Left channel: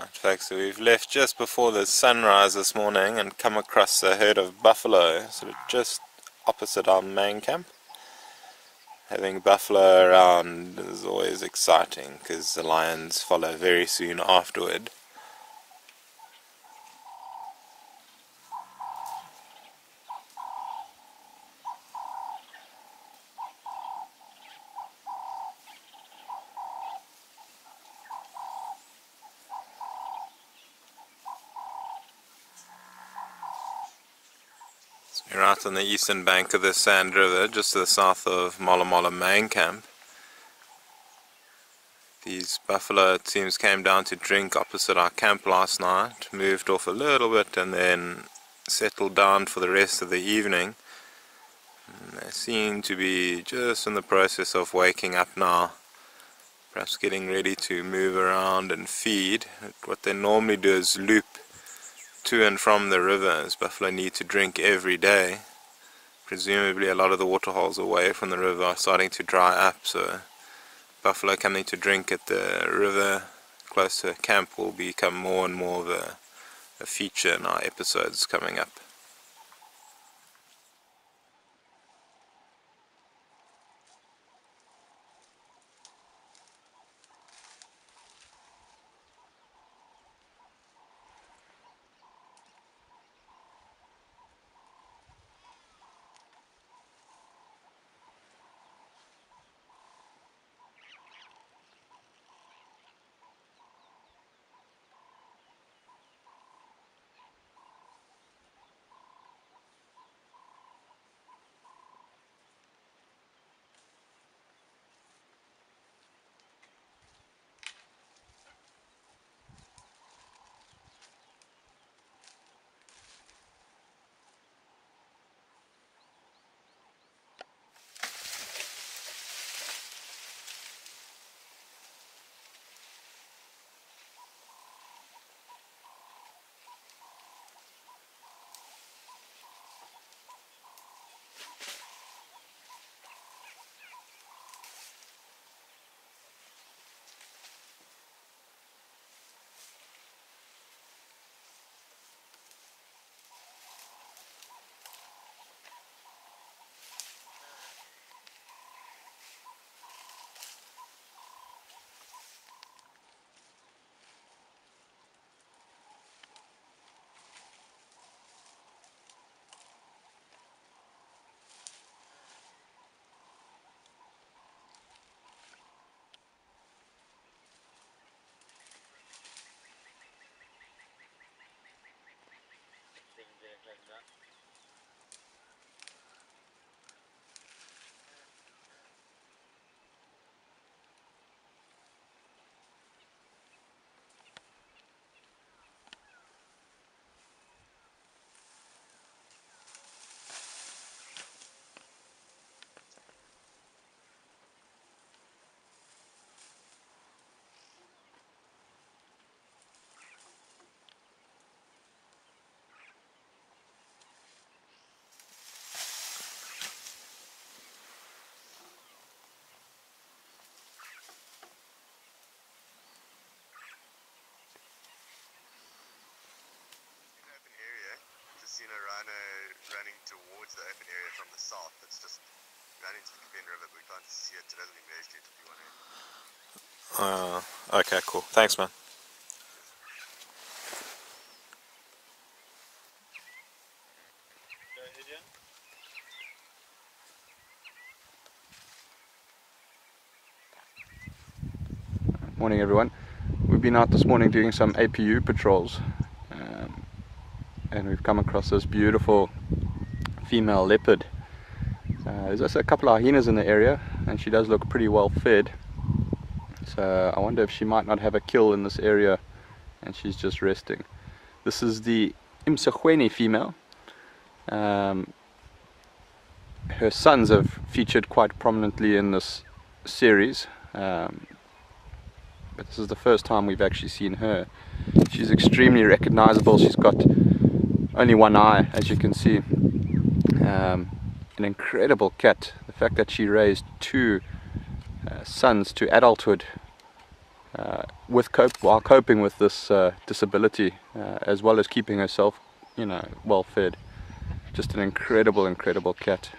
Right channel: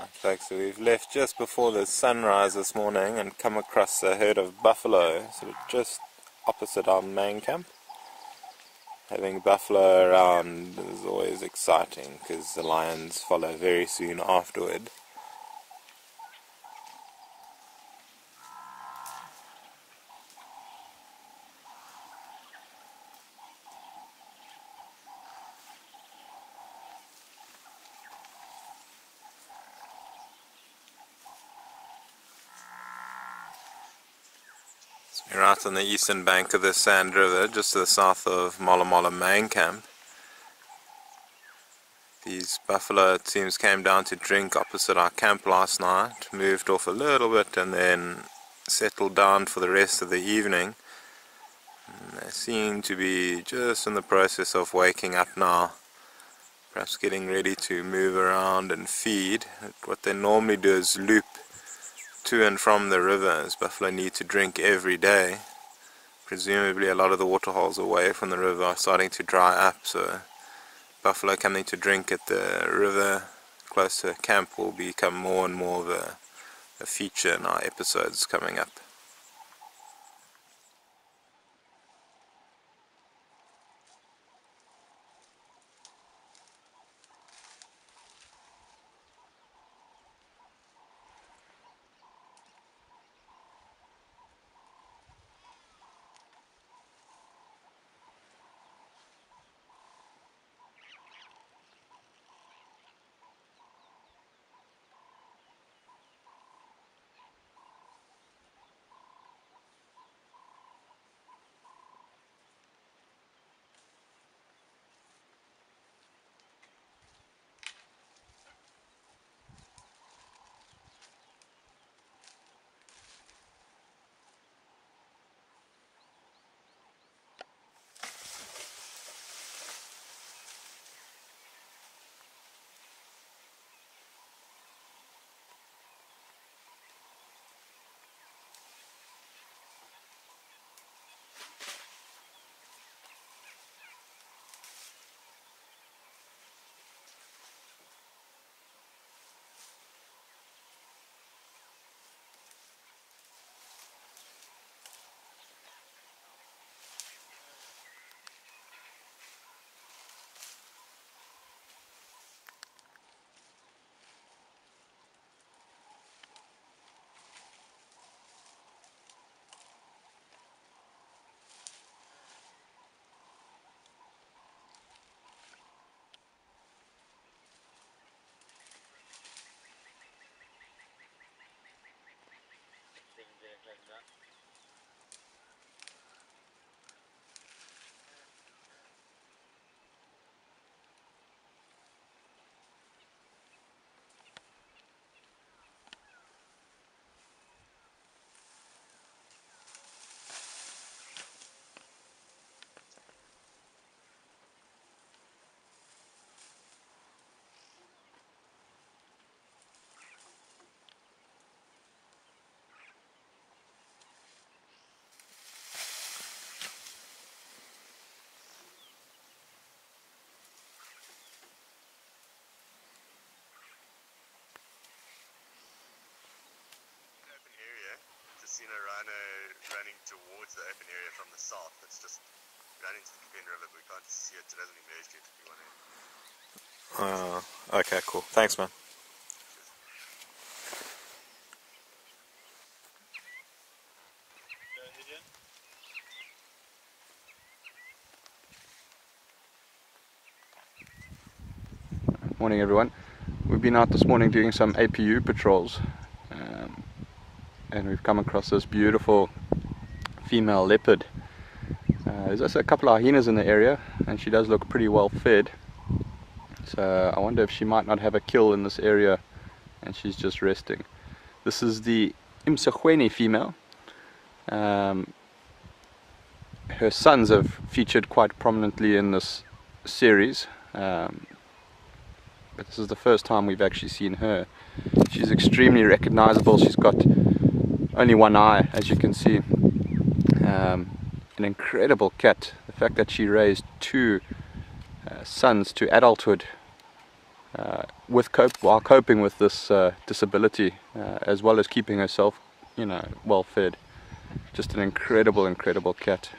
Right, folks, so we've left just before the sunrise this morning and come across a herd of buffalo sort of just opposite our main camp. Having buffalo around is always exciting because the lions follow very soon afterward. We're out on the eastern bank of the Sand River, just to the south of Mola Mola main camp. These buffalo, it seems, came down to drink opposite our camp last night, moved off a little bit and then settled down for the rest of the evening. And they seem to be just in the process of waking up now, perhaps getting ready to move around and feed. What they normally do is loop to and from the river, as buffalo need to drink every day. Presumably a lot of the waterholes away from the river are starting to dry up, so buffalo coming to drink at the river close to camp will become more and more of a feature in our episodes coming up. Seen a rhino running towards the open area from the south. It's just running to the Kippen River, but we can't see it. It hasn't emerged yet if you want to. Okay, cool. Thanks, man. Morning everyone. We've been out this morning doing some APU patrols. And we've come across this beautiful female leopard. There's also a couple of hyenas in the area, and she does look pretty well fed. So I wonder if she might not have a kill in this area and she's just resting. This is the Imsachweni female. Her sons have featured quite prominently in this series, but this is the first time we've actually seen her. She's extremely recognizable. She's got only one eye, as you can see. An incredible cat. The fact that she raised two sons to adulthood while coping with this disability, as well as keeping herself, you know, well fed. Just an incredible cat.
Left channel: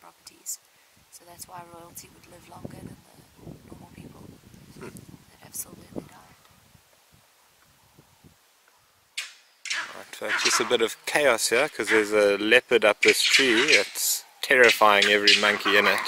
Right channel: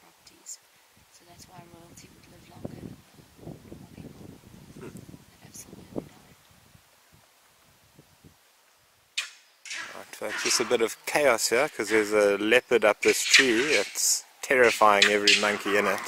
Properties. So that's why royalty would live longer than the normal people that have silver in the ground. Right, folks, just a bit of chaos here because there's a leopard up this tree. It's terrifying every monkey in it.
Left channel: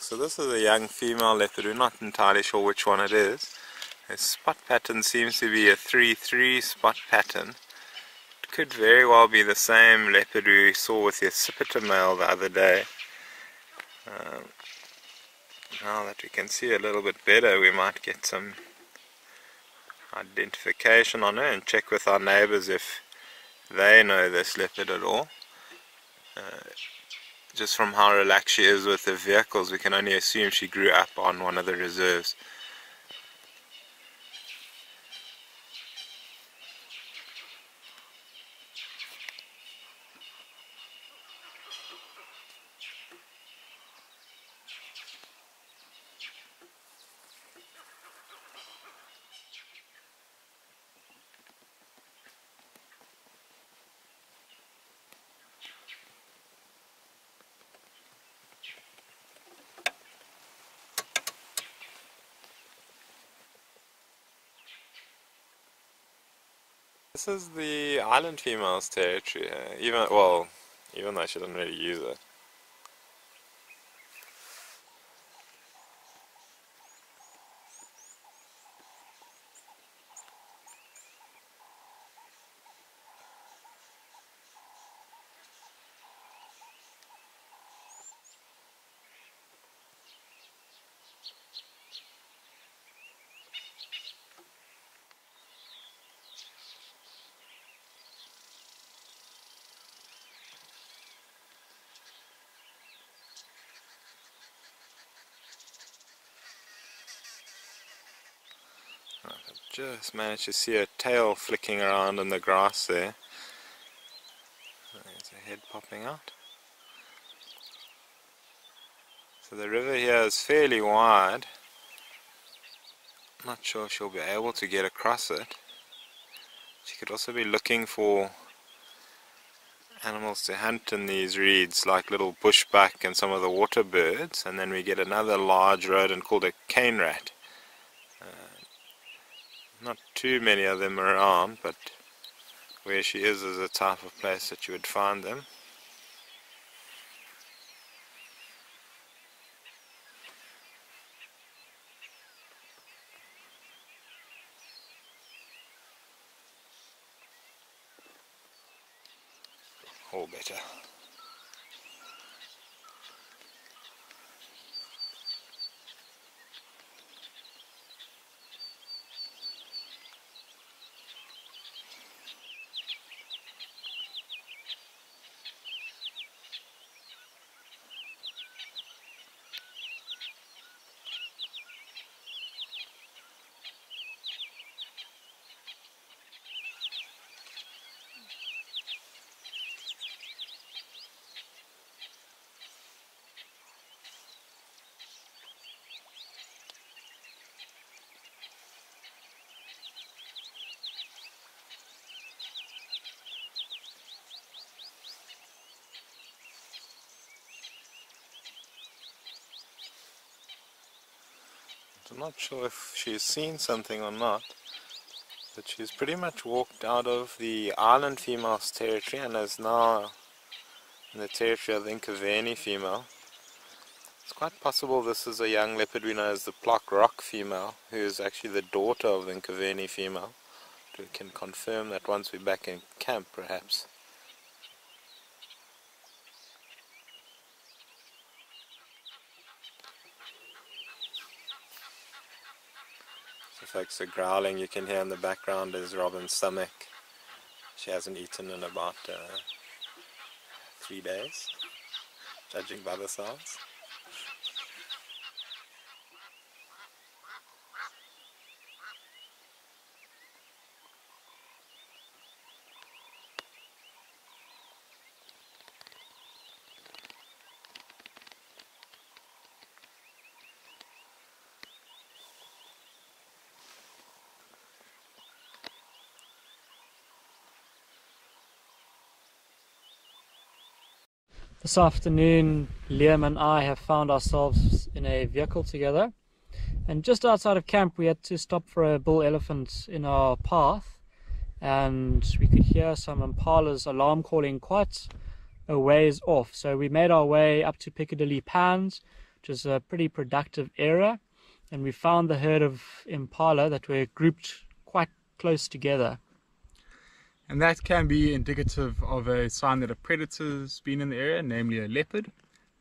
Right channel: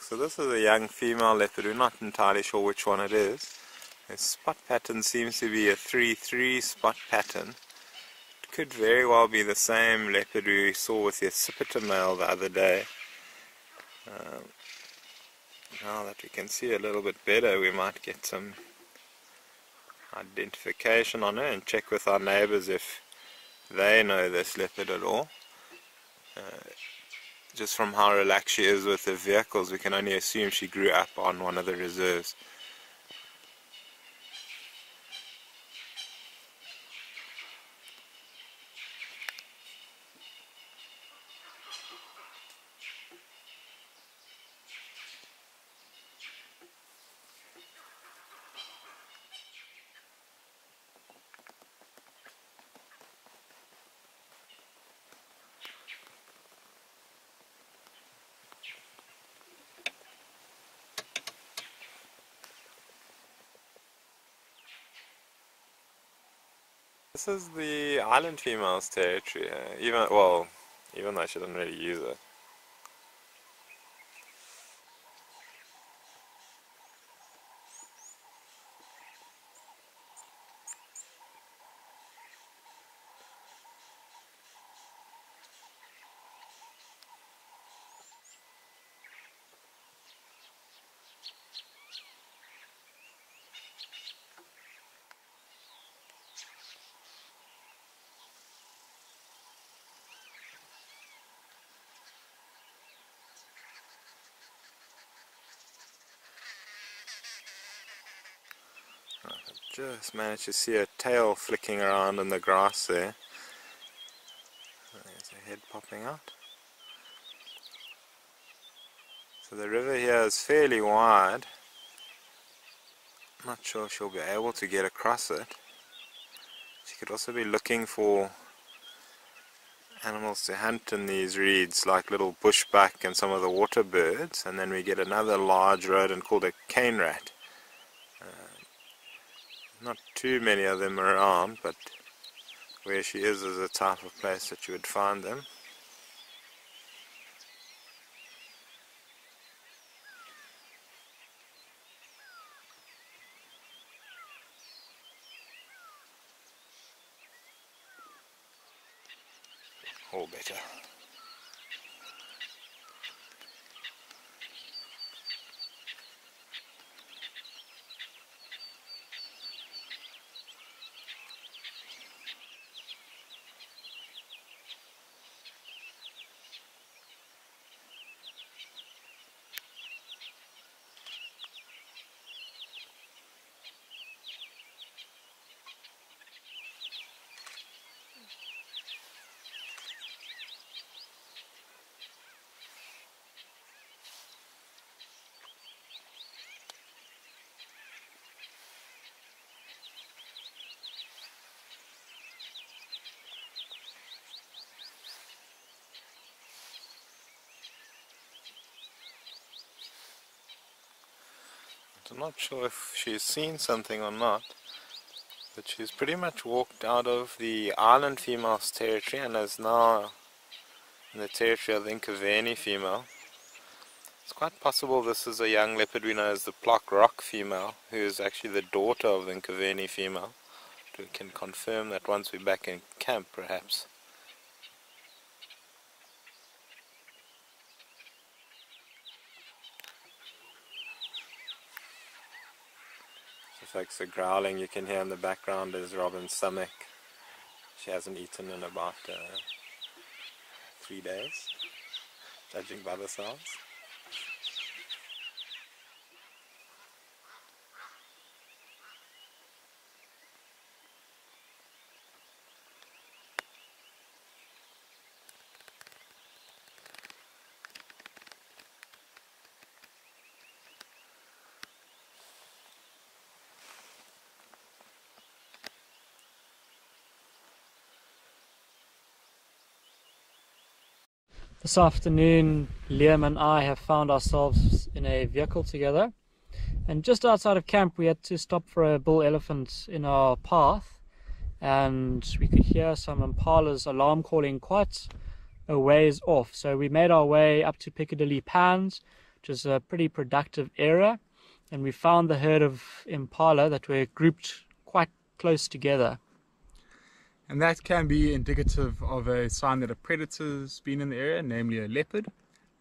So this is a young female leopard. We're not entirely sure which one it is. Its spot pattern seems to be a 3-3 spot pattern. It could very well be the same leopard we saw with the accipiter male the other day. Now that we can see a little bit better, we might get some identification on her and check with our neighbors if they know this leopard at all. Just from how relaxed she is with the vehicles, we can only assume she grew up on one of the reserves. This is the island female's territory, even though she doesn't really use it. Just managed to see a tail flicking around in the grass there. There's a head popping out. So the river here is fairly wide. Not sure she'll be able to get across it. She could also be looking for animals to hunt in these reeds, like little bushbuck and some of the water birds. And then we get another large rodent called a cane rat. Not too many of them around, but where she is a type of place that you would find them. All better. I'm not sure if she's seen something or not, but she's pretty much walked out of the island female's territory and is now in the territory of the Nkaveni female. It's quite possible this is a young leopard we know as the Plock Rock female, who is actually the daughter of the Nkaveni female. We can confirm that once we're back in camp, perhaps. Folks, the growling you can hear in the background is Robin's stomach. She hasn't eaten in about 3 days, judging by the sounds. This afternoon, Liam and I have found ourselves in a vehicle together, and just outside of camp we had to stop for a bull elephant in our path, and we could hear some impalas alarm calling quite a ways off. So we made our way up to Piccadilly Pans, which is a pretty productive area, and we found the herd of impala that were grouped quite close together. And that can be indicative of a sign that a predator's been in the area, namely a leopard,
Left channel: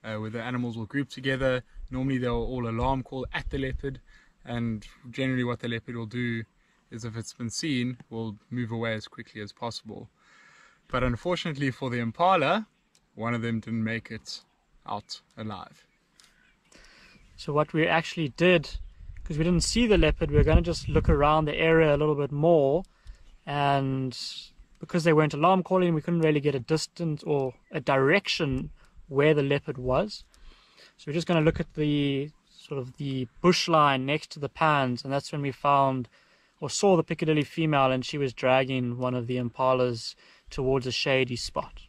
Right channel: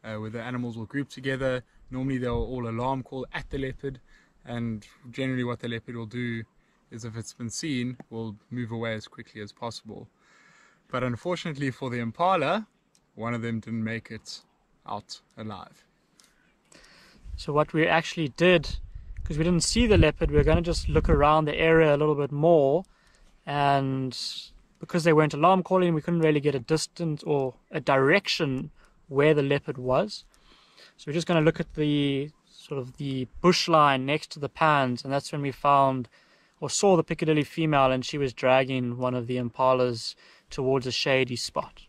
where the animals will group together. Normally they'll all alarm call at the leopard, and generally what the leopard will do is, if it's been seen, will move away as quickly as possible. But unfortunately for the impala, one of them didn't make it out alive. So what we actually did, because we didn't see the leopard, we were going to just look around the area a little bit more, and because they weren't alarm calling, we couldn't really get a distance or a direction where the leopard was. So we're just going to look at the sort of the bush line next to the pans, and that's when we found or saw the Piccadilly female, and she was dragging one of the impalas towards a shady spot.